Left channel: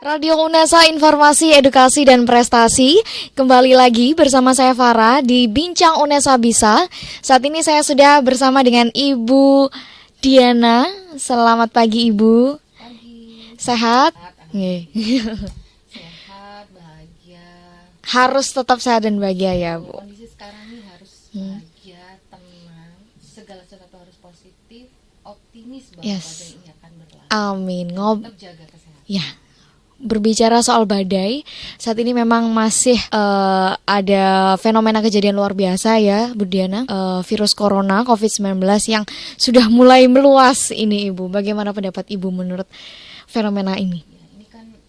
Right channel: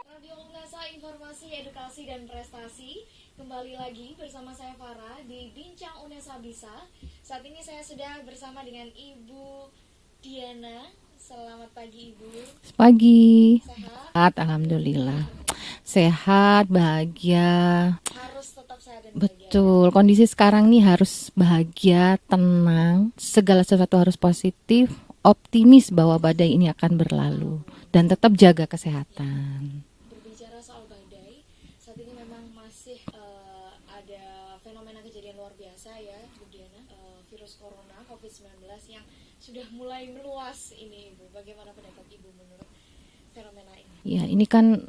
Radio UNESA Informasi, Edukasi, dan Prestasi. Kembali lagi bersama saya Farah di Bincang UNESA Bisa. Saat ini saya sudah bersama dengan Ibu Diana. Selamat pagi Ibu. Pagi. Sehat? Alhamdulillah. Sehat, bahagia. Harus tetap sehat dan bahagia ya. Betul. Kondisi sekarang nih harus bahagia, tenang, segala sesuatu harus positif, optimis bahwa badai ini akan berlalu. Amin. Dan tetap jaga kesehatan. Ya. Berbicara soal badai, saat ini memang masih ada fenomena kejadian luar biasa ya Bu Diana, virus corona COVID-19 yang sudah mulai meluas ini Ibu. Bagaimana pendapat Ibu menurut fenomena ini? Ya, ini kan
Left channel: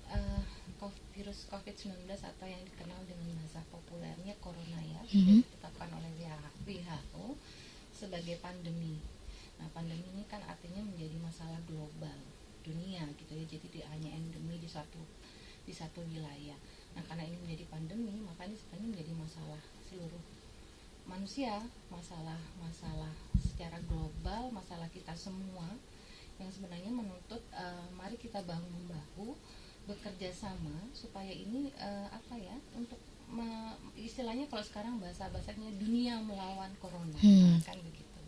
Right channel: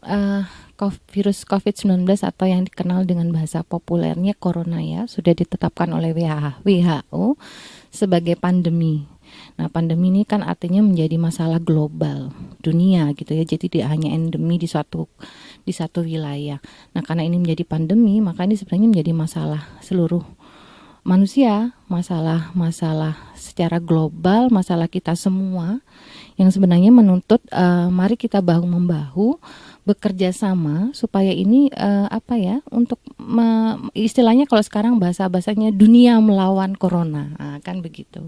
virus COVID-19 atau yang dikenal dengan bahasa populernya corona ya, sudah ditetapkan oleh WHO sebagai pandemi. Nah, pandemi ini kan artinya menjadi masalah global dunia gitu ya. Jadi tidak hanya endemi di satu wilayah. Nah, karena ini menjadi pandemi, maka ini sebenarnya menjadi masalah seluruh manusia, masalah secara global, masalah kita semua yang sebenarnya menuntut mari kita bahu membahu bekerja sama supaya ini untuk istilahnya kalau sekarang bahasanya dunia melawan corona, kan begitu.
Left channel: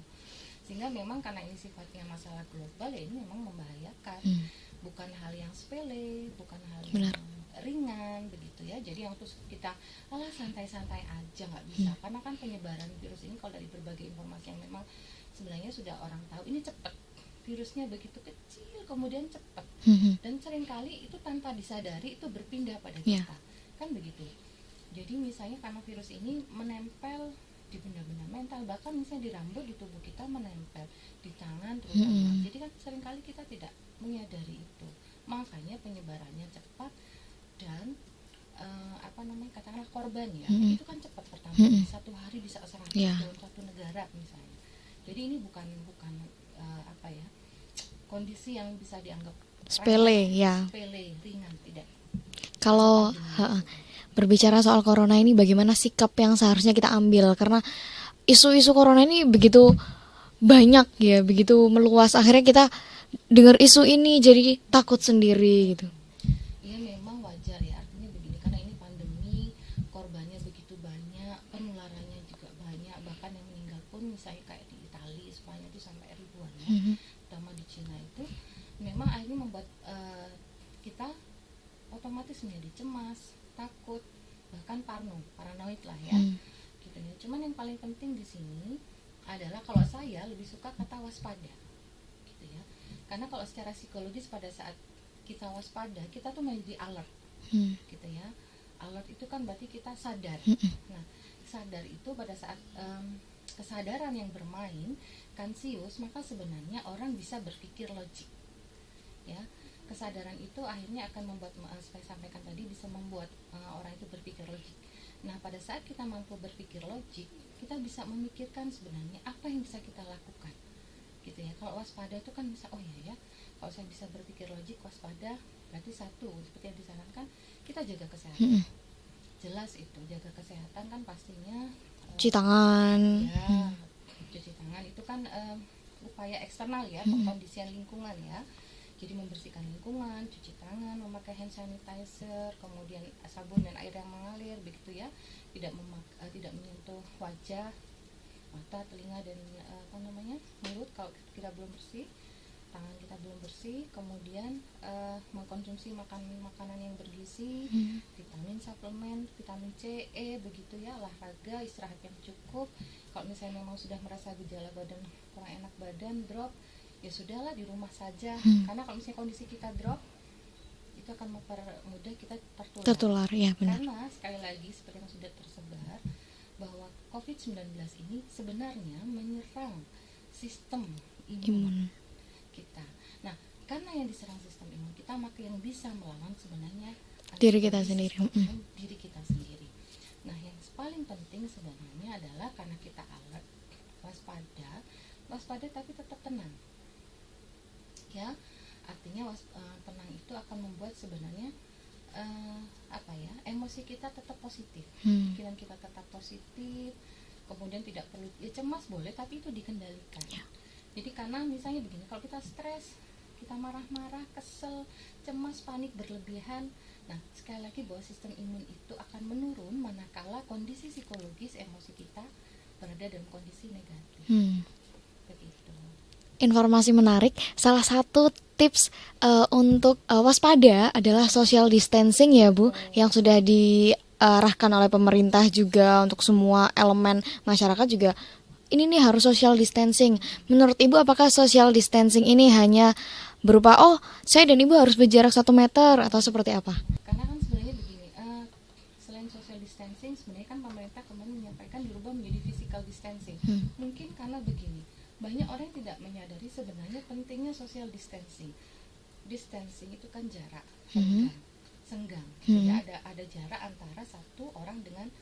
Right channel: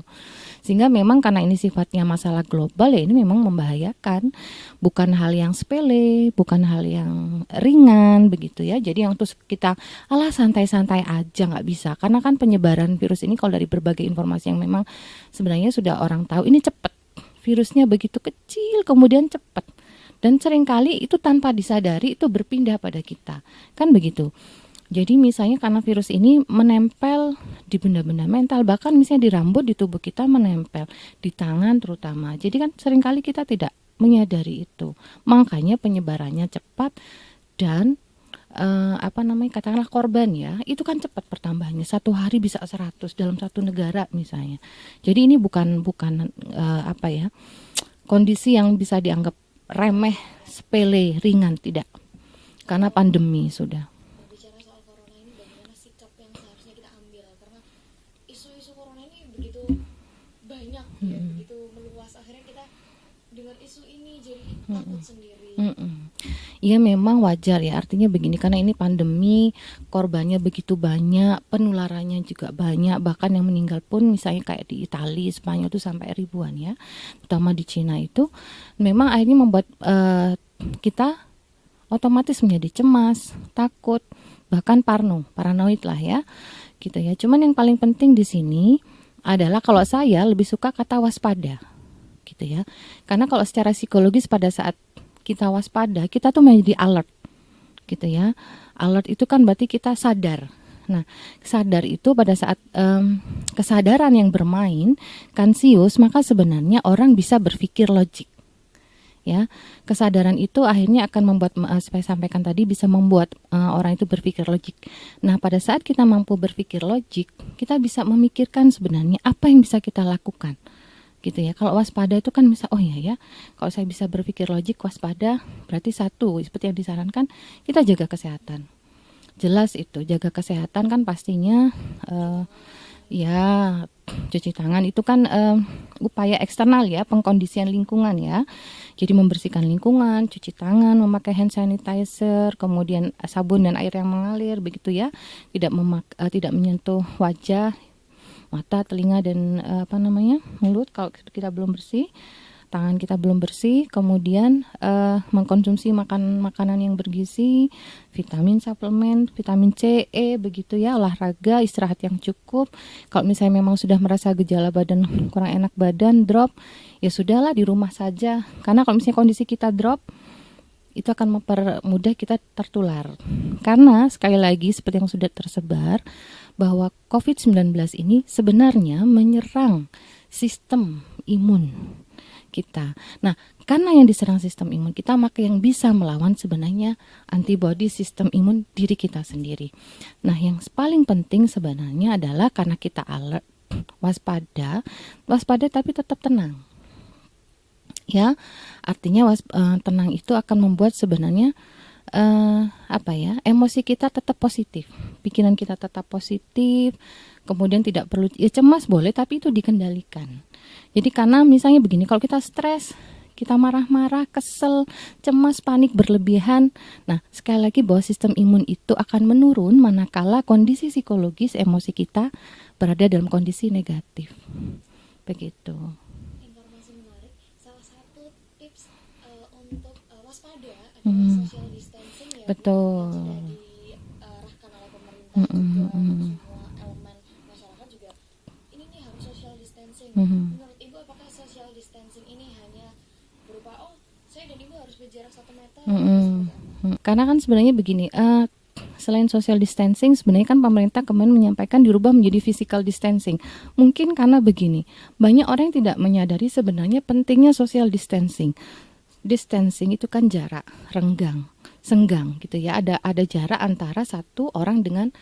Sehingga memang karena ini sifatnya masalah global ya, ini memang membahayakan. Bukan hal yang sepele, bukan hal yang ringan begitu ya. Jadi yang terus kita santai-santai aja nggak bisa. Karena kan penyebaran virus ini kalau dari berbagai informasi yang memang sebenarnya sudah orang tahu ini cepat. Virusnya begitu kecil kemudian cepat. Dan seringkali itu tanpa disadari itu berpindah pada kita. Kan begitu. Jadi misalnya karena virus ini menempel di benda-benda mental, bahkan misalnya di rambut, di tubuh kita menempel, di tangan terutama. Jadi kan seringkali kita tidak menyadari itu. Makanya penyebarannya cepat dan katakanlah korban ya, itu kan cepat pertambahannya. Satu hari bisa 100 dalam satu negara misalnya. Jadi ini bukan kondisi yang bisa dianggap remeh, sepele, ringan, tidak. Karena pandemi sudah. Berbicara soal corona ini, bagaimana sikap yang seharusnya kita ambil? Karena isu-isu corona ini begitu banyak ya, begitu meluas. Akhirnya kita dengar isu ini jadi takut sendiri. Gitu. Iya memang wajar ya, artinya begini, karena ini pandemi, korbannya begitu banyak, penularannya juga banyak, bahkan yang meninggal pun misalnya kayak di Italia, Spanyol itu sampai ribuan ya, terutama di Cina itu, memang akhirnya membuat kita otomatis menjadi cemas, takut, bahkan paranoid lah ya, gitu ya. Cuman yang paling penting di sini adalah kalau saya lebih suka kata waspada, gitu ya. Karena kalau secara psikologis pada saat kita waspada, kita tuh menjadi alert, gitu ya. Alert itu kan berarti kita sadar. Nah, sadar itu pada saat kesadaran yang bermain, kansius, maka sebenarnya orang bisa berpikir logik. Ya, kesadaran itu akhirnya akan membuat, saya sampaikan tadi, bisa membuat orang itu berpikir logik. Nah, pada saat kita mampu berpikir logik, kita bisa memikirkan sebenarnya apa yang bisa kita lakukan, gitu ya. Kalau waspada itu kan bisa, oh iya ya, kalau saya bisa berpikir logik, waspada, berarti satu, seperti yang disarankan, kita jaga kesehatan. Jelas itu, jaga kesehatan kan pastinya cuci tangan. Ya, cuci tangan itu kan upaya eksternal ya, pengkondisian lingkungan ya. Jadi membersihkan lingkungan, cuci tangan, memakai hand sanitizer, kemudian sabun dan air yang mengalir begitu ya. Tidak menyentuh wajah, mata, telinga dan mulut kalau kita belum bersih. Tangan kita belum bersih, kemudian mengkonsumsi makanan yang bergizi, vitamin suplemen, vitamin C, E begitu ya, olahraga, istirahat yang cukup. Kalau misalnya memang sudah merasa gejala badan kurang enak badan, drop, ya sudahlah di rumah saja. Karena kalau misalnya kondisi kita drop, itu akan mempermudah kita tertular ya. Karena sekali lagi seperti yang sudah tersebar bahwa COVID-19 ini sebenarnya menyerang sistem imun kita. Nah, karena yang diserang sistem imun kita, maka yang bisa melawan sebenarnya antibodi sistem imun diri kita sendiri. Nah, yang paling penting sebenarnya adalah karena kita alert, waspada tapi tetap tenang. Ya, artinya tenang itu akan membuat sebenarnya emosi kita tetap positif, pikiran kita tetap positif, kemudian tidak perlu cemas boleh, tapi itu dikendalikan. Jadi karena misalnya begini, kalau kita stres, kita marah-marah, kesel, cemas, panik berlebihan. Nah, sekali lagi bahwa sistem imun itu akan menurun manakala kondisi psikologis emosi kita berada dalam kondisi negatif. Begitu. Informasi menarik. Salah satu tips untuk waspada adalah social distancing ya Bu, Betul. yang sudah diarahkan oleh pemerintah juga untuk semua elemen masyarakat juga. Ini nih harus social distancing. Menurut Ibu apakah social distancing ini hanya berupa saya dan Ibu harus berjarak 1 meter atau seperti apa? Karena kan sebenarnya begini, selain social distancing, sebenarnya kan pemerintah kemarin menyampaikan dirubah menjadi physical distancing. Mungkin karena begini, banyak orang yang tidak menyadari sebenarnya pentingnya social distancing. Distancing itu kan jarak, renggang, senggang gitu ya. Ada jarak antara satu orang dengan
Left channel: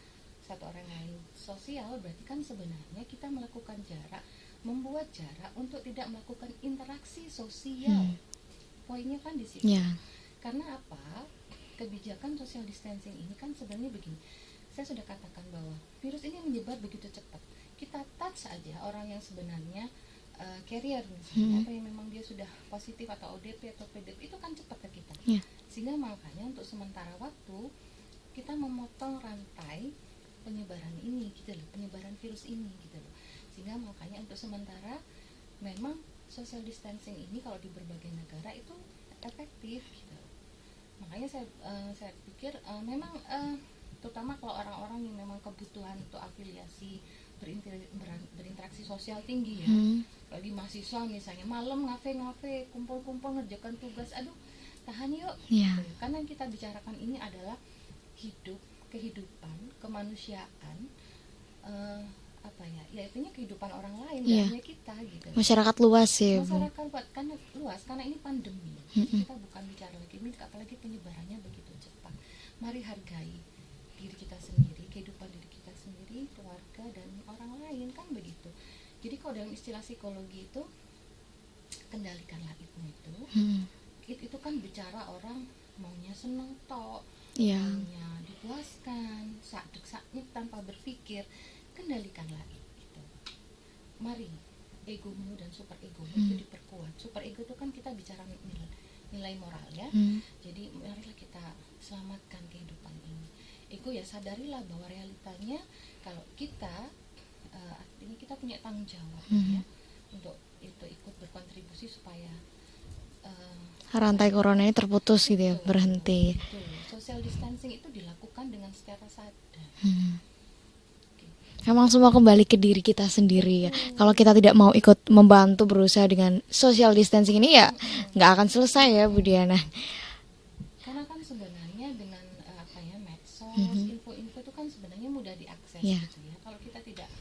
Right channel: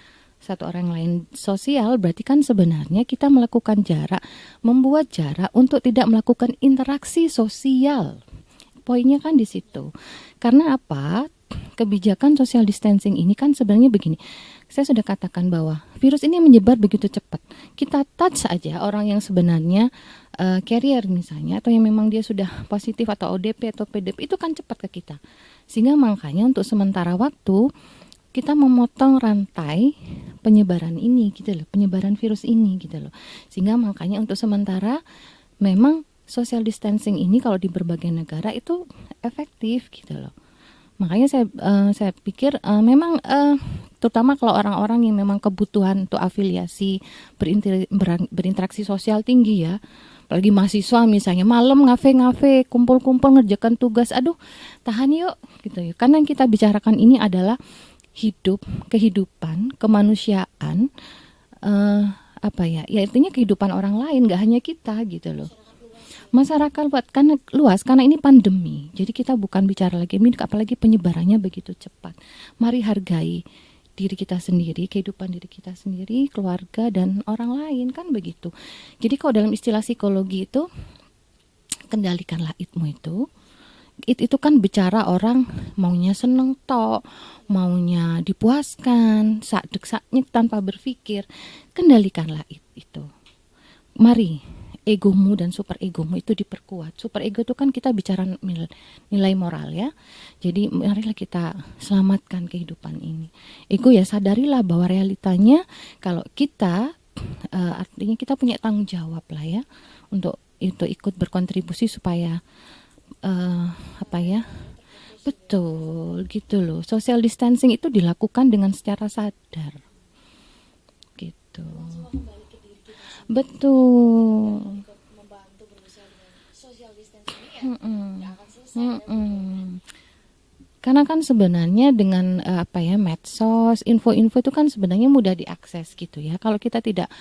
satu orang lain. Sosial berarti kan sebenarnya kita melakukan jarak, membuat jarak untuk tidak melakukan interaksi sosial. Poinnya kan di situ. Karena apa? Kebijakan social distancing ini kan sebenarnya begini. Saya sudah katakan bahwa virus ini menyebar begitu cepat. Kita touch aja orang yang sebenarnya carrier misalnya, atau yang memang dia sudah positif atau ODP atau PDP, itu kan cepat ke kita. Sehingga makanya untuk sementara waktu kita memotong rantai penyebaran ini gitu loh, penyebaran virus ini gitu loh. Sehingga makanya untuk sementara memang social distancing ini kalau di berbagai negara itu efektif gitu loh. Makanya saya pikir memang terutama kalau orang-orang yang memang kebutuhan untuk afiliasi berinteraksi sosial tinggi ya, apalagi mahasiswa misalnya malam ngafe-ngafe, kumpul-kumpul ngerjakan tugas, aduh tahan yuk gitu ya. Karena yang kita bicarakan ini adalah kehidupan, kemanusiaan, ya artinya kehidupan orang lain, nggak hanya kita gitu loh. Masyarakat luas ya. Masyarakat luas karena ini pandemi. Jadi kita bukan bicara lagi apalagi penyebarannya begitu cepat. Mari hargai diri kita sendiri, kehidupan diri kita sendiri, keluarga dan orang lain, kan begitu. Jadi kalau dalam istilah psikologi itu kendalikanlah itmu itu. Itu kan bicara orang maunya seneng tok, maunya dipuaskan, sak-sak tanpa berpikir. Kendalikanlah itu. Mari egomu dan super egomu itu diperkuat. Super ego itu kan kita bicara nilai moral ya. Jadi marilah kita selamatkan kehidupan ini. Ego ya sadarilah bahwa realitanya kalau kita artinya kita punya tanggung jawab lah ya untuk itu ikut berkontribusi supaya rantai corona ini terputus gitu ya, berhenti. Gitu loh. Social distancing itu dilakukan dengan secara sadar. Memang semua kembali ke diri kita sendiri. Kalau kita tidak mau ikut membantu berusaha dengan social distancing ini ya nggak akan selesai ya Bu Diana. Karena kan sebenarnya dengan medsos, info-info itu kan sebenarnya mudah diakses gitu ya. Kalau kita tidak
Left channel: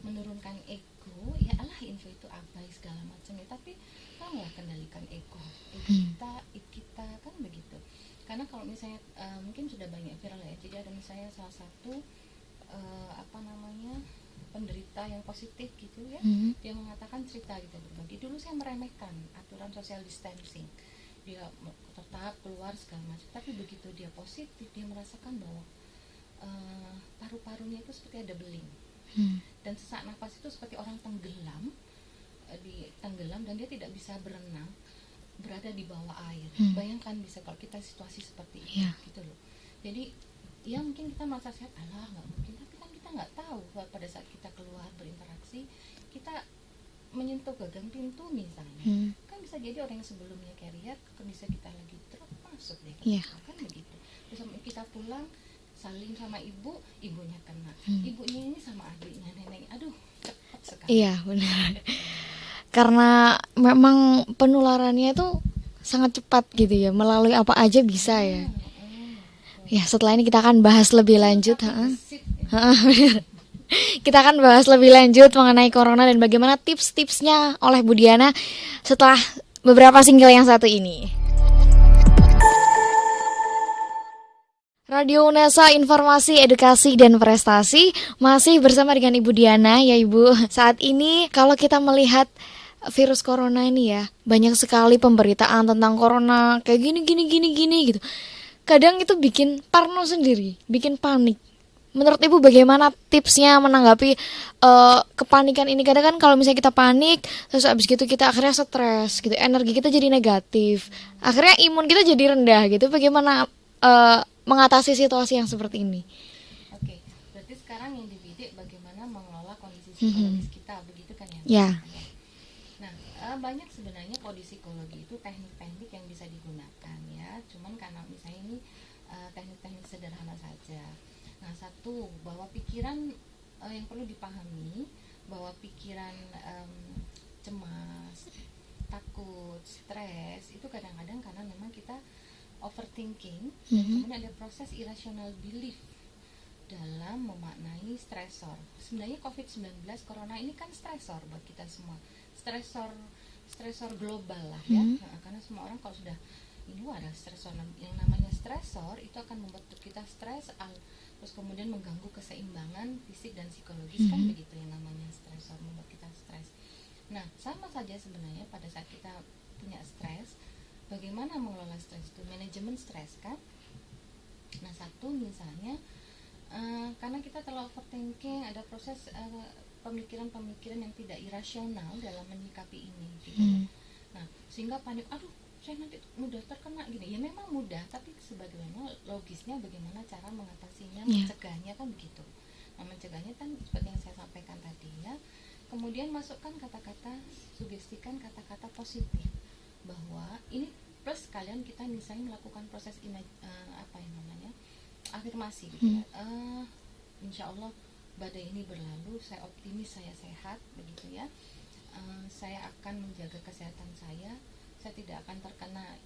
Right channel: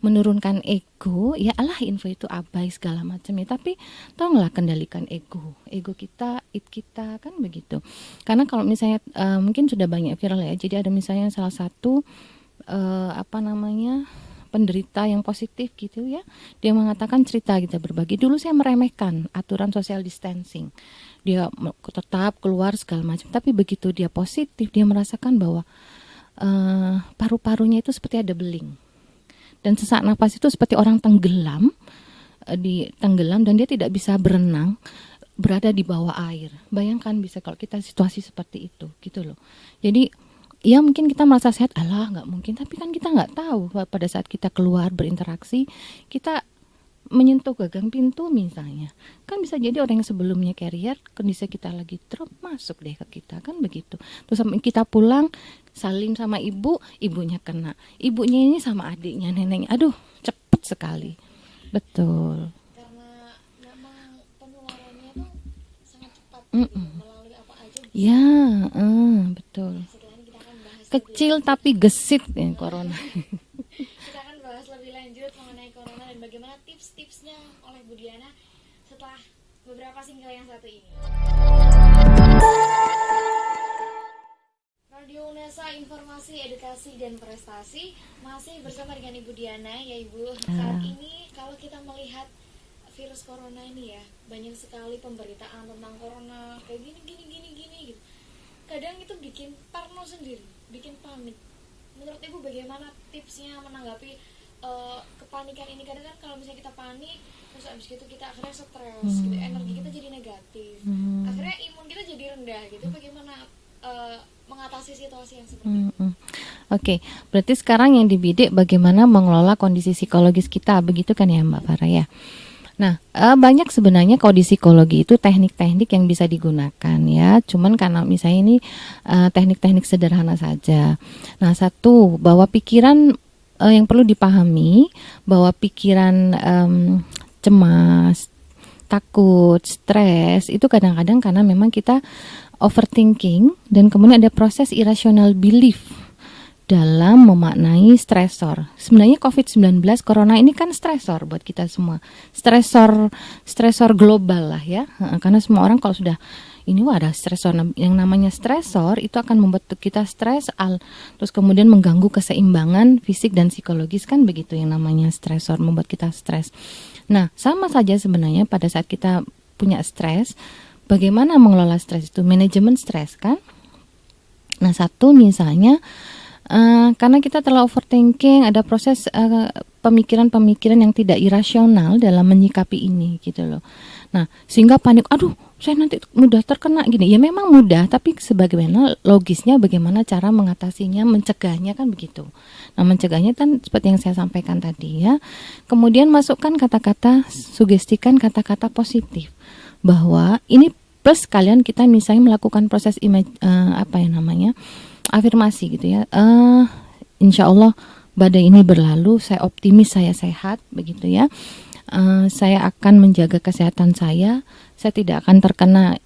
menurunkan ego, ya Allah info itu abai segala macam ya. Tapi tolonglah kendalikan ego kita kan begitu. Karena kalau misalnya mungkin sudah banyak viral ya. Jadi ada misalnya salah satu penderita yang positif gitu ya. Dia mengatakan cerita kita berbagi. Dulu saya meremehkan aturan social distancing. Dia tetap keluar segala macam. Tapi begitu dia positif, dia merasakan bahwa paru-parunya itu seperti ada beling. Dan sesak nafas itu seperti orang tenggelam dan dia tidak bisa berenang, berada di bawah air. Bayangkan bisa kalau kita situasi seperti itu gitu loh. Jadi ya mungkin kita merasa sehat, nggak mungkin, tapi kan kita nggak tahu pada saat kita keluar berinteraksi, kita menyentuh gagang pintu misalnya, kan bisa jadi orang yang sebelumnya carrier, kondisi kita lagi drop masuk deh ke kita, kan begitu. Terus kita pulang salim sama ibunya kena, ibunya ini sama adiknya, neneknya, aduh cepet sekali. Iya benar. Betul. Karena memang penularannya itu sangat cepat gitu ya, melalui apa aja bisa ya. Betul. Ya setelah ini kita akan bahas lebih lanjut. Tapi gesit ya. Kita akan bahas lebih lanjut mengenai corona dan bagaimana tips-tipsnya oleh Bu Diana setelah beberapa single yang satu ini. Radio UNESA, informasi, edukasi, dan prestasi. Masih bersama dengan Ibu Diana ya Ibu. Saat ini kalau kita melihat virus corona ini ya, banyak sekali pemberitaan tentang corona kayak gini gitu. Kadang itu bikin parno sendiri, bikin panik. Menurut Ibu bagaimana tipsnya menanggapi kepanikan ini? Kadang kan kalau misalnya kita panik, terus abis gitu kita akhirnya stres, gitu, energi kita jadi negatif, akhirnya imun kita jadi rendah, gitu. Bagaimana mengatasi situasi yang seperti ini? Oke, berarti sekarang yang dibidik bagaimana mengelola kondisi psikologis kita, begitu kan ya Mbak Ya. Farah ya? Nah, banyak sebenarnya kalau di psikologi itu teknik-teknik yang bisa digunakan ya. Cuman karena misalnya ini teknik-teknik sederhana saja. Nah, satu, bahwa pikiran yang perlu dipahami bahwa pikiran cemas, takut, stres itu kadang-kadang karena memang kita overthinking dan kemudian ada proses irrational belief dalam memaknai stresor. Sebenarnya COVID-19 Corona ini kan stresor buat kita semua. Stresor global lah ya. Karena semua orang kalau sudah ini ada stresor, yang namanya stresor itu akan membuat kita stres, terus kemudian mengganggu keseimbangan fisik dan psikologis kan begitu, yang namanya stresor membuat kita stres. Nah, sama saja sebenarnya pada saat kita punya stres, bagaimana mengelola stres itu, manajemen stres kan. Nah, satu misalnya karena kita terlalu overthinking, ada proses pemikiran-pemikiran yang tidak irasional dalam menyikapi ini gitu loh. Nah, sehingga panik, aduh saya nanti mudah terkena gini. Ya memang mudah, tapi sebagaimana logisnya bagaimana cara mengatasinya, mencegahnya kan begitu. Nah, mencegahnya kan seperti yang saya sampaikan tadi ya. Kemudian masukkan kata-kata, sugestikan kata-kata positif. Bahwa ini plus kalian kita misalnya melakukan proses afirmasi gitu ya. Insya Allah badai ini berlalu, saya optimis, saya sehat begitu ya. Saya akan menjaga kesehatan saya tidak akan terkena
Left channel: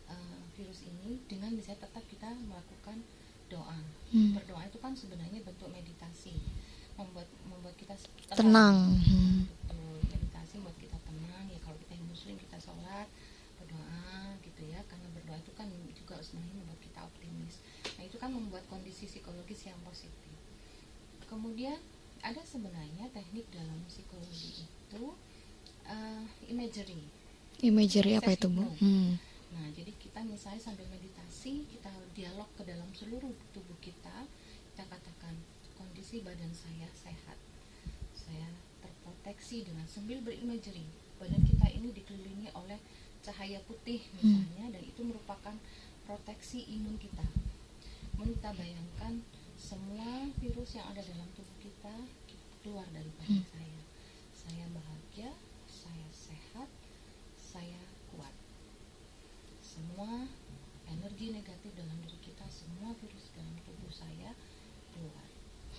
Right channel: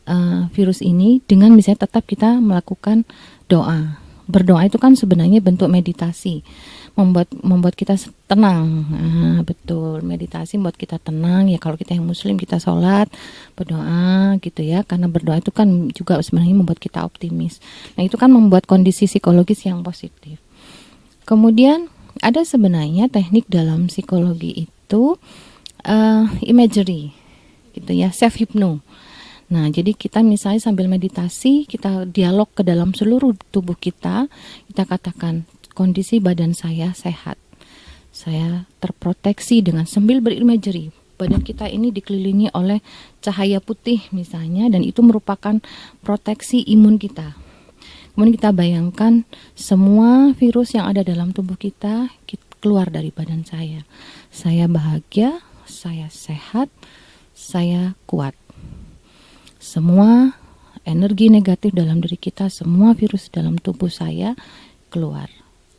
virus ini dengan misalnya tetap kita melakukan doa. Berdoa itu kan sebenarnya bentuk meditasi, membuat kita tenang. Betul, meditasi membuat kita tenang ya. Kalau kita yang muslim kita sholat, berdoa gitu ya, karena berdoa itu kan juga sebenarnya membuat kita optimis. Nah, itu kan membuat kondisi psikologis yang positif. Kemudian ada sebenarnya teknik dalam psikologi itu imagery gitu ya, self hypno. Nah, jadi kita misalnya sambil meditasi, kita dialog ke dalam seluruh tubuh kita katakan kondisi badan saya sehat, saya terproteksi dengan sambil berimagery. Badan kita ini dikelilingi oleh cahaya putih misalnya, dan itu merupakan proteksi imun kita. Kemudian kita bayangkan semua virus yang ada dalam tubuh kita keluar dari badan saya. Saya bahagia, saya sehat, saya kuat. Semua energi negatif dalam diri kita, semua virus dalam tubuh saya keluar.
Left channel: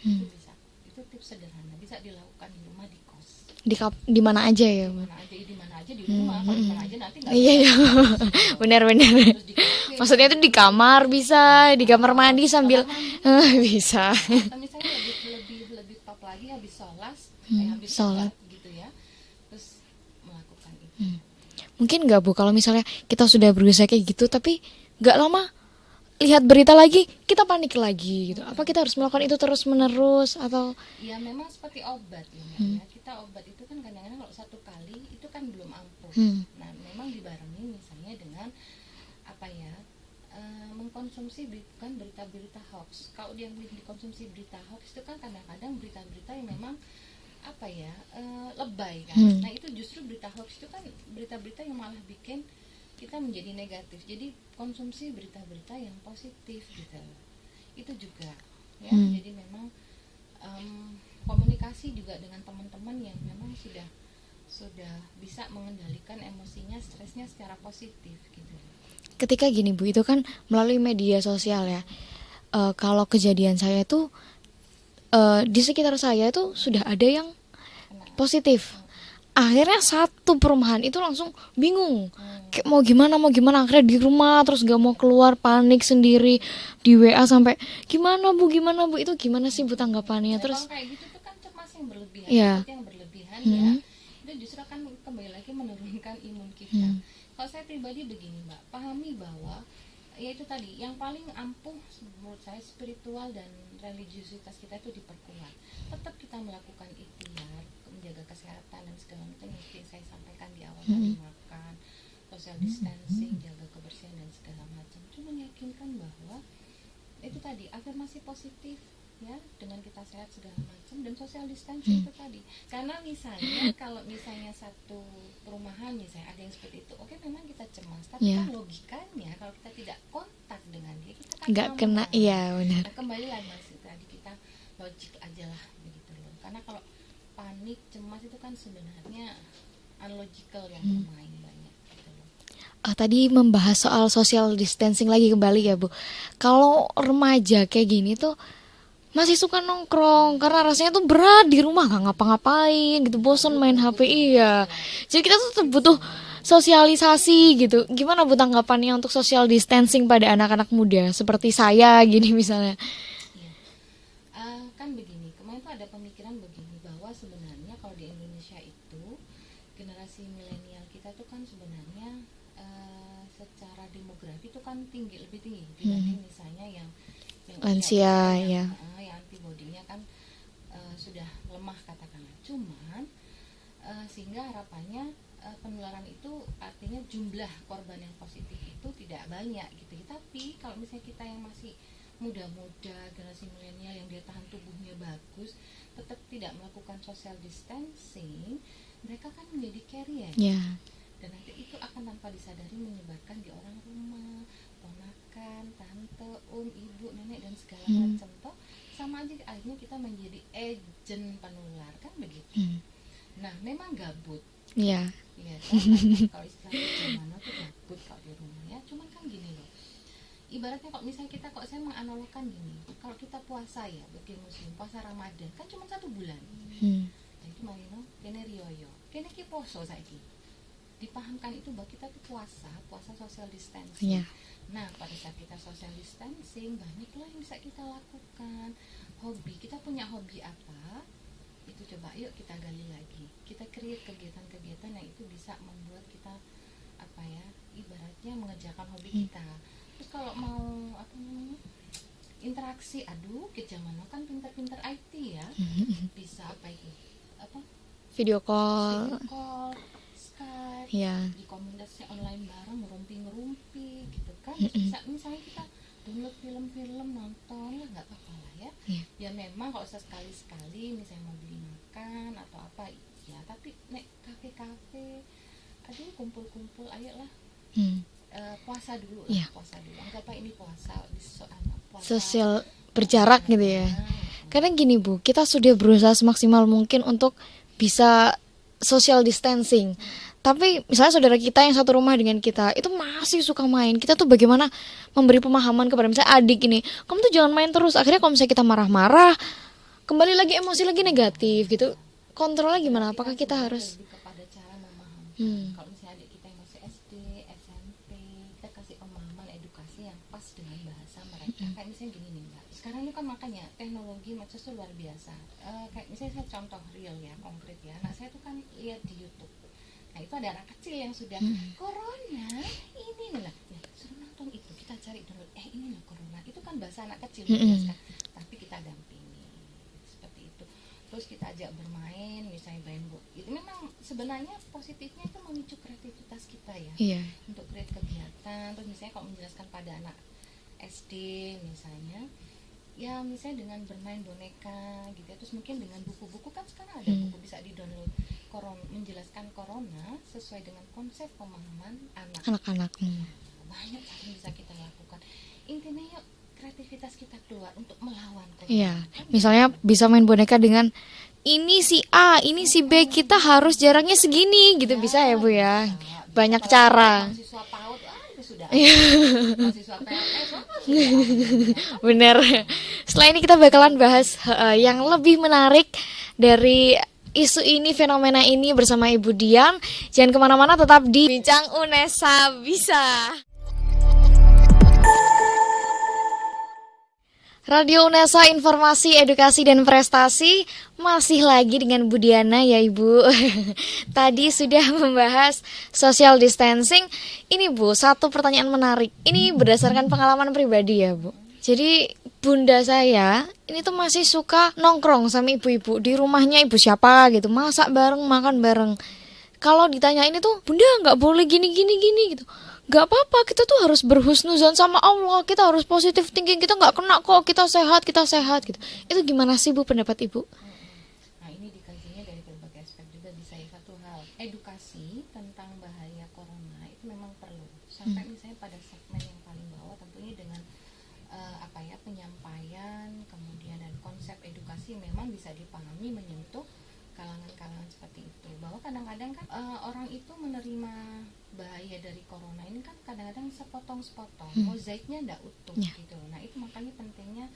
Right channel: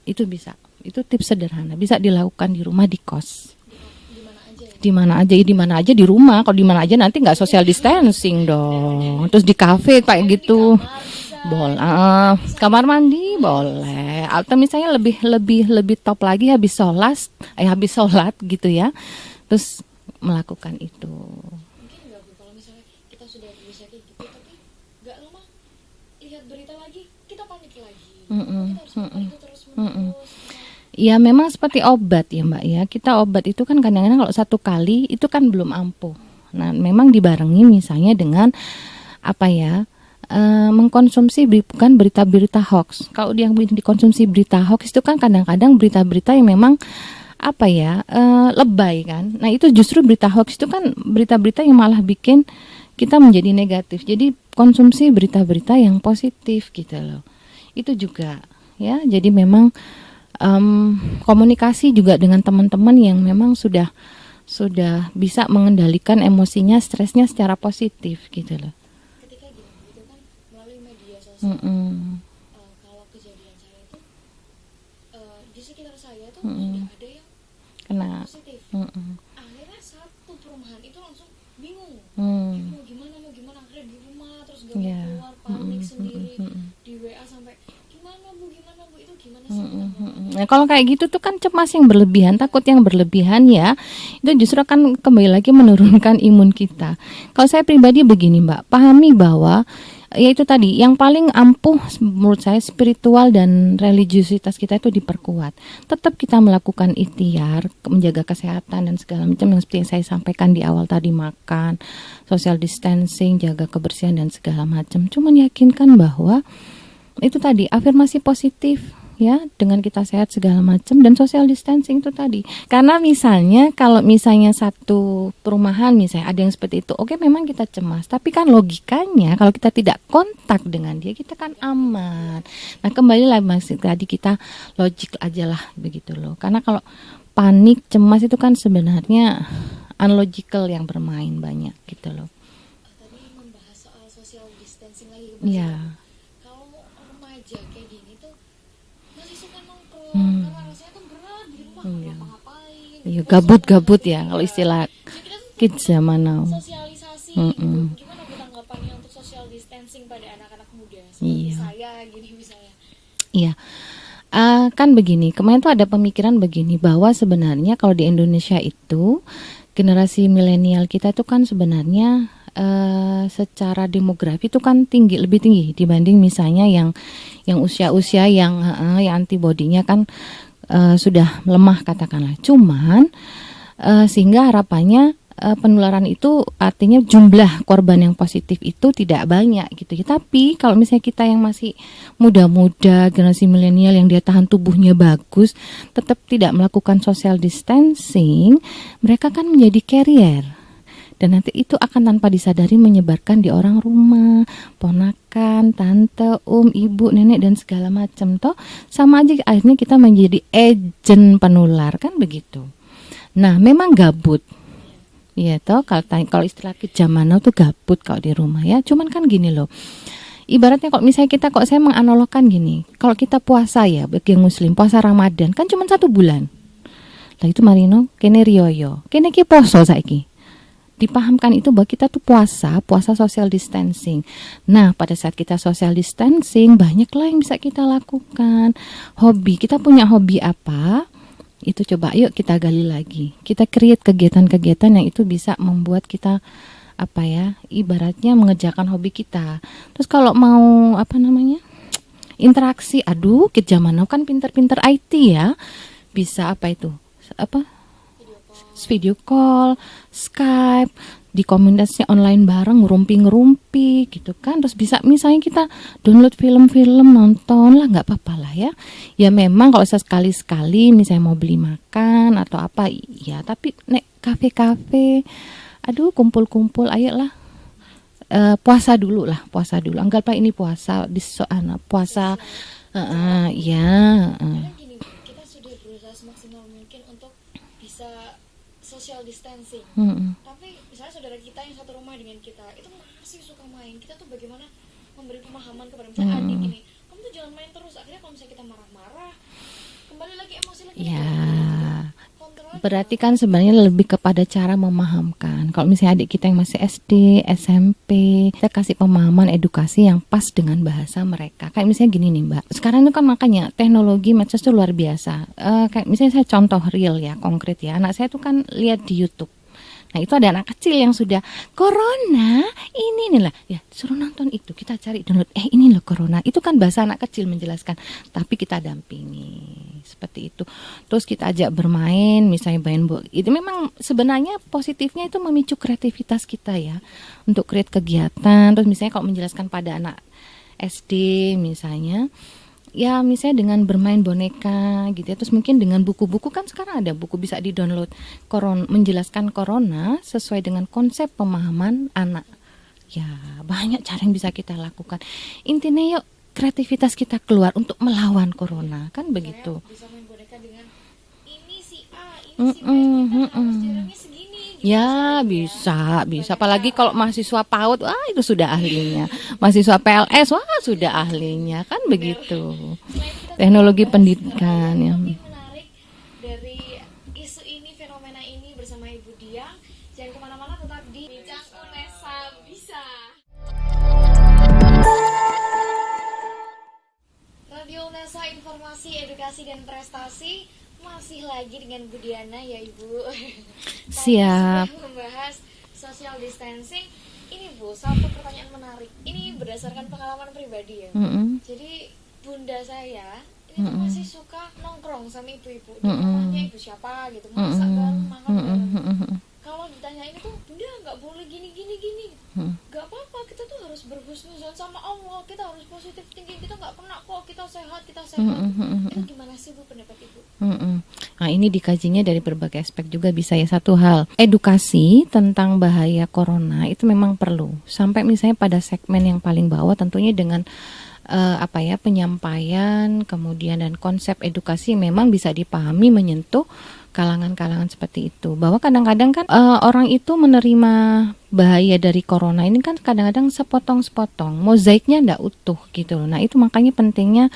Itu bisa. Itu tips sederhana, bisa dilakukan di rumah, di kos. Di mana aja ya? Di mana aja di rumah. Kalau di mana aja nanti nggak social distancing dong. Benar. Terus di kafe kayak gitu. Di kamar bisa, di kamar mandi sambil. Kamar mandi boleh. Bisa. Atau misalnya lebih top lagi habis sholat gitu ya. Terus melakukan itu. Mungkin nggak Bu, kalau misalnya kita sudah berusaha kayak gitu tapi nggak lama lihat berita lagi kita panik lagi gitu. Apa kita harus melakukan itu terus menerus atau? Ya memang seperti obat ya Mbak ya. Kita obat itu kan kadang-kadang kalau satu kali itu kan belum ampuh. Nah, memang dibarengi misalnya dengan mengkonsumsi bukan berita-berita hoax. Kalau yang dikonsumsi berita hoax itu kan kadang-kadang berita-berita yang memang lebay kan. Nah, itu justru berita hoax itu kan berita-berita yang malah bikin kita menjadi negatif. Jadi konsumsi berita-berita yang positif gitu loh. Itu juga ya. Jadi memang komunikasi juga dengan teman-teman yang memang sudah bisa mengendalikan emosinya, stresnya secara positif gitu loh. Ketika gini Bu, itu kan melalui media sosial ya. Kalau kejadian saya itu di sekitar saya itu sudah ada yang positif. Akhirnya satu perumahan itu langsung bingung, kayak mau gimana akhirnya di rumah terus gak mau keluar, panik sendiri, di WA sampai gimana bu itu gimana sih Bu tanggapannya? Nah, kalau kayak gitu tuh kan cemas yang berlebihan, takut yang berlebihan ya, itu justru akan kembali lagi menurunkan imun kita. Kalau saya pribadi begini Mbak, pahami bahwa ya itu tadi, yang paling ampuh menurut saya spiritual dan religiusitas kita itu diperkuat. Tetap kita melakukan ikhtiar, menjaga kesehatan dan segala macam yang seperti yang saya sampaikan di awal tadi, makan, social distancing, jaga kebersihan dan segala macam. Cuman yakinkan bahwa itu tadi, afirmasi positif, ya, dengan kita sehat segala macam, dan social distancing itu tadi. Karena misalnya kalau misalnya satu perumahan misalnya ada yang seperti itu, oke, memang kita cemas, tapi kan logikanya kalau kita tidak kontak dengan dia, kita kan Nggak aman. kena, iya, benar. Nah, kembali lah Mas, tadi kita logik aja lah begitu loh. Karena kalau panik, cemas itu kan sebenarnya unlogical yang bermain banyak gitu loh. Tadi membahas soal social distancing lagi kembali ya Bu. Kalau remaja kayak gini tuh masih suka nongkrong karena rasanya tuh berat di rumah nggak ngapa-ngapain gitu, bosan main Gabut-gabut HP. ya kalau istilah Jadi kita tuh kids butuh zaman now. sosialisasi gitu. Gimana Bu tanggapannya untuk social distancing pada anak-anak muda seperti saya gini misalnya? Iya. Kan begini, kemarin tuh ada pemikiran begini bahwa sebenarnya kalau di Indonesia itu generasi milenial kita tuh kan sebenarnya secara demografi itu kan lebih tinggi dibanding misalnya yang usia-usia yang antibodinya kan sudah lemah katakanlah. Cuman sehingga harapannya penularan itu artinya jumlah korban yang positif itu tidak banyak gitu. Tapi kalau misalnya kita yang masih muda-muda, generasi milenial yang dia tahan tubuhnya bagus, tetap tidak melakukan social distancing, mereka kan menjadi carrier. Dan nanti itu akan tanpa disadari menyebarkan di orang rumah, ponakan, tante, ibu, nenek dan segala macam. Toh sama aja akhirnya kita menjadi agent penular kan begitu. Nah, memang gabut. Iya toh kalau istilah zaman now tuh gabut kalau di rumah ya. Cuman kan gini loh. Ibaratnya kalau misalnya saya menganalogkan gini. Kalau kita puasa ya bagi yang muslim, puasa Ramadan kan cuma 1 bulan. Lah itu marino kene rioyo. Kene ki poso saiki. Dipahamkan itu bahwa kita tuh puasa social distancing. Nah, pada saat kita social distancing, banyaklah yang bisa kita lakukan. Hobi, kita punya hobi apa? Itu coba yuk kita gali lagi. Kita create kegiatan-kegiatan yang itu bisa membuat kita ibaratnya mengerjakan hobi kita. Terus kalau mau interaksi, ke zaman now kan pinter-pinter IT ya. Bisa video call, Skype, di komunitasnya online bareng ngerumpi gitu kan. Terus bisa misalnya kita download film-film, nonton lah, nggak apa-apa lah ya. Ya memang kalau sekali-sekali misalnya mau beli makan atau apa ya, tapi nek kafe-kafe, kumpul-kumpul ayolah. Puasa dulu. Anggaplah ini puasa puasa sosial berjarak gitu ya. Karena gini Bu, kita sudah berusaha semaksimal mungkin untuk bisa social distancing. Tapi misalnya saudara kita yang satu rumah dengan kita itu masih suka main. Kita tuh bagaimana memberi pemahaman kepada misalnya adik ini, kamu tuh jangan main terus. Akhirnya kalau misalnya kita marah-marah, kembali lagi emosi lagi negatif gitu. Kontrolnya gimana? Berarti kan sebenarnya lebih kepada cara memahamkan. Kalau misalnya adik kita yang masih SD, SMP, kita kasih pemahaman edukasi yang pas dengan bahasa mereka. Kayak misalnya gini nih Mbak, sekarang itu kan makanya teknologi medsos itu luar biasa. Kayak misalnya saya contoh real ya, konkret ya. Anak saya tuh kan lihat di YouTube. Nah itu ada anak kecil yang sudah corona, ini nih lah, ya suruh nonton itu, kita cari download, ini loh corona. Itu kan bahasa anak kecil menjelaskan, tapi kita dampingi seperti itu. Terus kita ajak bermain, misalnya main bola. Itu memang sebenarnya positifnya itu memicu kreativitas kita ya, untuk create kegiatan. Terus misalnya kalau menjelaskan pada anak SD misalnya, ya misalnya dengan bermain boneka gitu ya. Terus mungkin dengan buku-buku kan sekarang ada buku bisa di-download menjelaskan corona sesuai dengan konsep pemahaman anak-anak. Ya, banyak cara yang bisa kita lakukan. Intinya yuk kreativitas kita keluar untuk melawan corona. Kan misalnya begitu. bisa main boneka dengan ini si A, ini si B, kita harus jaraknya segini gitu, bisa ya Bu ya? Bisa. Banyak Apalagi cara. kalau mahasiswa PAUD, itu sudah ahlinya. Mahasiswa PLS, sudah ahlinya. Kan benar. begitu. Setelah ini kita bakalan Teknologi bahas pendidikan, yang lebih menarik dari isu ini, fenomena ini bersama Ibu Dian. Jangan kemana-mana, tetap di Bincang UNESA Bisa. Radio UNESA, informasi, edukasi, dan prestasi. Masih lagi dengan Bu Diana ya Ibu. Tadi sudah membahas social distancing. Ini Bu, satu pertanyaan menarik. Ini berdasarkan pengalaman pribadi ya Bu. Jadi bunda saya ini tuh masih suka nongkrong sama ibu-ibu di rumahnya ibu siapa gitu, masak bareng, makan bareng. kalau ditanyain itu, Bunda nggak boleh gini gitu, nggak apa-apa, kita tuh harus berhusnuzon sama Allah, kita harus positive thinking, kita nggak kena kok, kita sehat gitu. Itu gimana sih Bu pendapat Ibu? Nah, ini dikajinya dari berbagai aspek juga bisa ya. Satu hal, edukasi tentang bahaya corona itu memang perlu. Sampai misalnya pada segmen yang paling bawah, tentunya dengan penyampaian, kemudian dan konsep edukasi memang bisa dipahami menyentuh kalangan-kalangan seperti itu. Bahwa kadang-kadang kan orang itu menerima bahaya dari corona ini kan kadang-kadang sepotong-sepotong, mozaiknya enggak utuh gitu loh. Nah, itu makanya pentingnya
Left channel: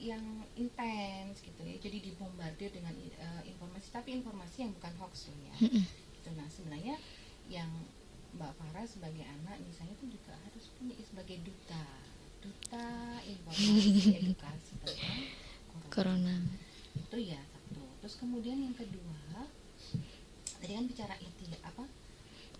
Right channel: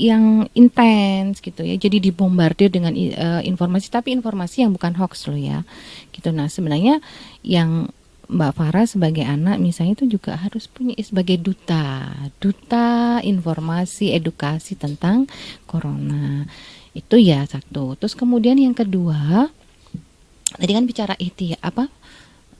yang intens gitu ya. Jadi dibombardir dengan informasi, tapi informasi yang bukan hoax loh ya. Gitu. Nah, sebenarnya yang Mbak Farah sebagai anak misalnya itu juga harus punya sebagai duta informasi edukasi tentang corona. Itu ya satu. Terus kemudian yang kedua, tadi kan bicara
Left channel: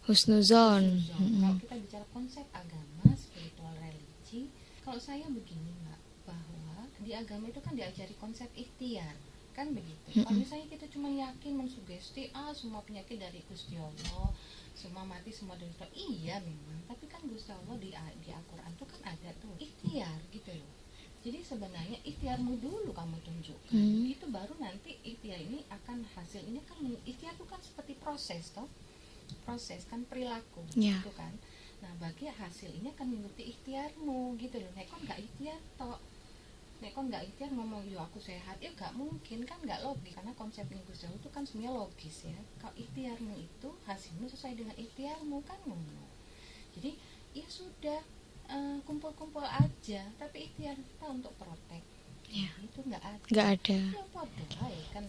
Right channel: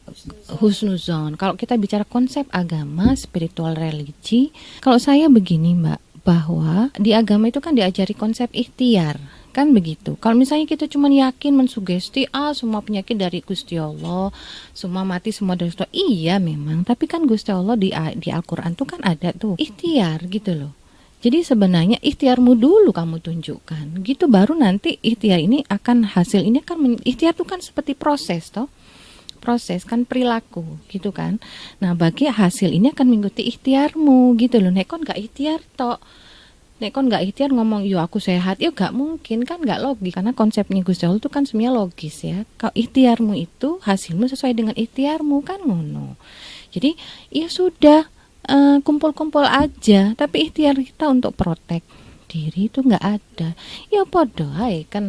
husnuzon. Kalau kita bicara konsep agama, spiritual religi, kalau saya begini Mbak, bahwa di agama itu kan diajari konsep ikhtiar. Kan begitu. Kalau misalnya kita cuma yakin mensugesti semua penyakit dari Gusti Allah, semua mati semua dari Gusti Allah. Iya memang, tapi kan Gusti Allah di Al-Qur'an tuh kan ada tuh ikhtiar gitu loh. Jadi sebenarnya ikhtiarmu dulu kamu tunjukkan. Gitu baru nanti ikhtiar ini akan hasil ini akan ikhtiar itu kan seperti proses toh. Proses kan perilaku gitu kan. Nah, bagi hasil ini akan mengikuti ikhtiarmu gitu loh. Nek kon gak ikhtiar toh. Nek kon gak ikhtiar ngomong yo aku sehat, yo gak mungkin kan, gak logis karena konsepnya Gusti Allah itu kan semuanya logis ya. Kalau ikhtiarmu itu hasilmu sesuai dengan ikhtiarmu kan ngono. Jadi ya sudah kumpul-kumpul aja, tapi ikhtiar kita untuk protek diri itu nggak ada. Ya podo ae kan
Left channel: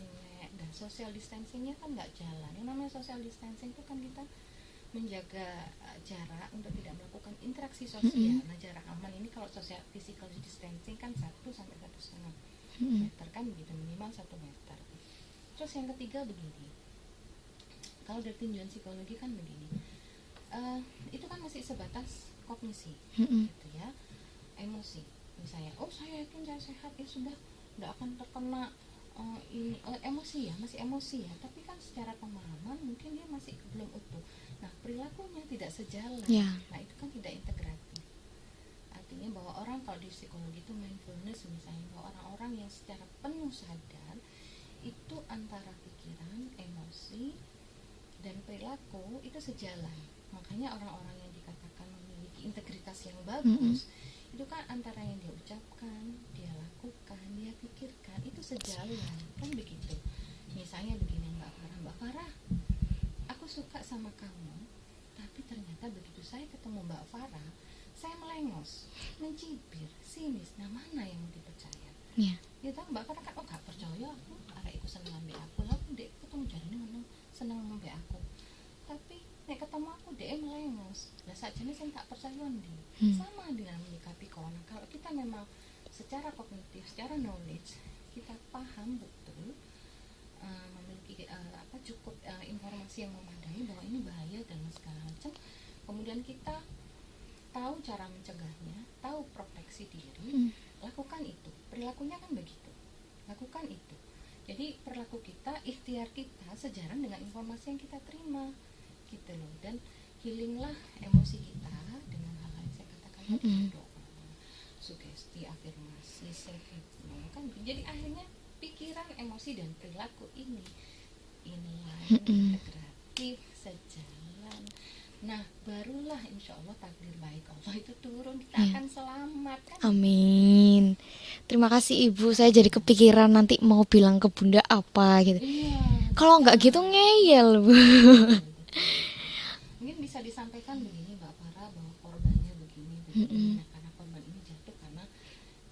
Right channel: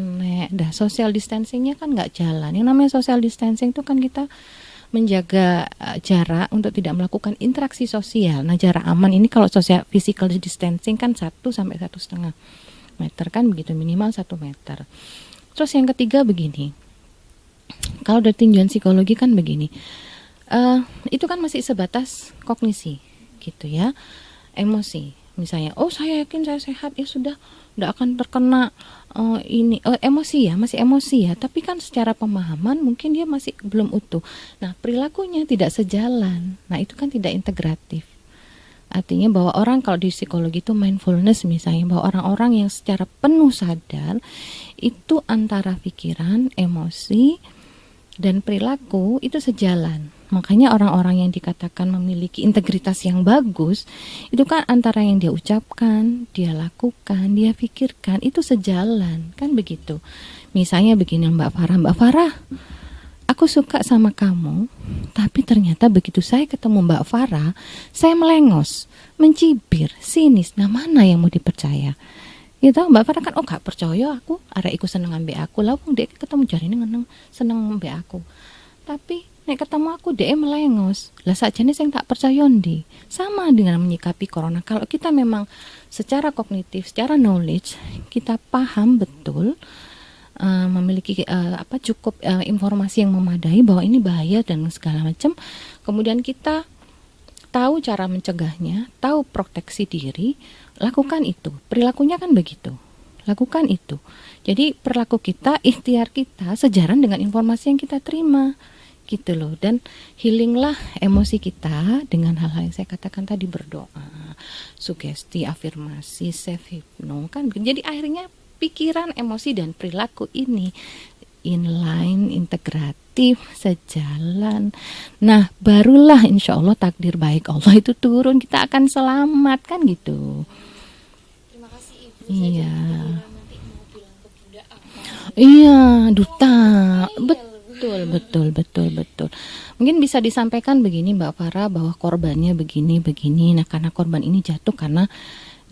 dah social distancingnya kan nggak jalan. Yang namanya social distancing itu kan kita menjaga jarak untuk tidak melakukan interaksi sosial. Nah, jarak aman ini kalau social physical distancing kan 1 sampai 1,5 meter kan begitu, minimal 1 meter. Terus yang ketiga begini, kalau dari tinjauan psikologi kan begini, itu kan masih sebatas kognisi gitu ya, emosi. Misalnya, saya yakin saya sehat, ya sudah, tidak akan terkena emosi ya, masih emosi ya, tapi kan secara pemahaman mungkin dia masih belum utuh. Nah, perilakunya tidak sejalan. Nah, itu kan tidak integratif. Artinya bahwa orang kalau di psikologi itu mindfulness misalnya, bahwa orang-orang yang secara penuh sadar itu antara pikiran, emosi, dan perilaku itu sejalan. Makanya orang-orang yang dikatakan memiliki integritas yang bagus itu kan antara yang dia ucapkan, dia lakukan, dia pikirkan itu sejalan, kan begitu. Misalnya begini Mbak Farah, aku suka sama kamu, tapi ternyata begitu saya ketemu Mbak Farah, saya melengos, mencibir, sinis. Nah, mana yang mau dipercaya? Gitu, Mbak Farah kan gak percaya aku, arek iku seneng ambek aku, lah wong dek ketemu jarine seneng ambek aku. Tapi nek ketemu aku dia melengos. Lah sakjane sing tak percaya ndi. Sama dengan menyikapi corona. Kalau kita memang secara kognitif, secara knowledge kita paham betul, memiliki cukup informasi yang memadai bahwa ini bahaya dan segala macam. Kemudian kita tahu cara mencegahnya, tahu proteksi diri, lakukan itu. Perilakunya kan begitu. Lakukan itu. Jadi perilaku kita, ikhtiar kita sejalan dengan informasi yang kita terima. Gitu loh, dan healinglah emosi kita dengan hal-hal yang saya katakan tadi, berdoa, sugesti, afirmasi, self hypno kan. Jadi akhirnya pikiran, emosi dan perilaku ini inline, integratif, sejalan. Nah, barulah insya Allah takdir baik Allah itu turun, kita akan selamat kan. Amin. Gitu. Terima kasih Ibu, saya jadi kepikiran nanti mau bilang ke Bunda apa gitu. Iya, kalau nggak gitu ngeyel. Betul. Mungkin bisa disampaikan begini Mbak Farah, bahwa korbannya begini. Nah, karena korban ini jatuh karena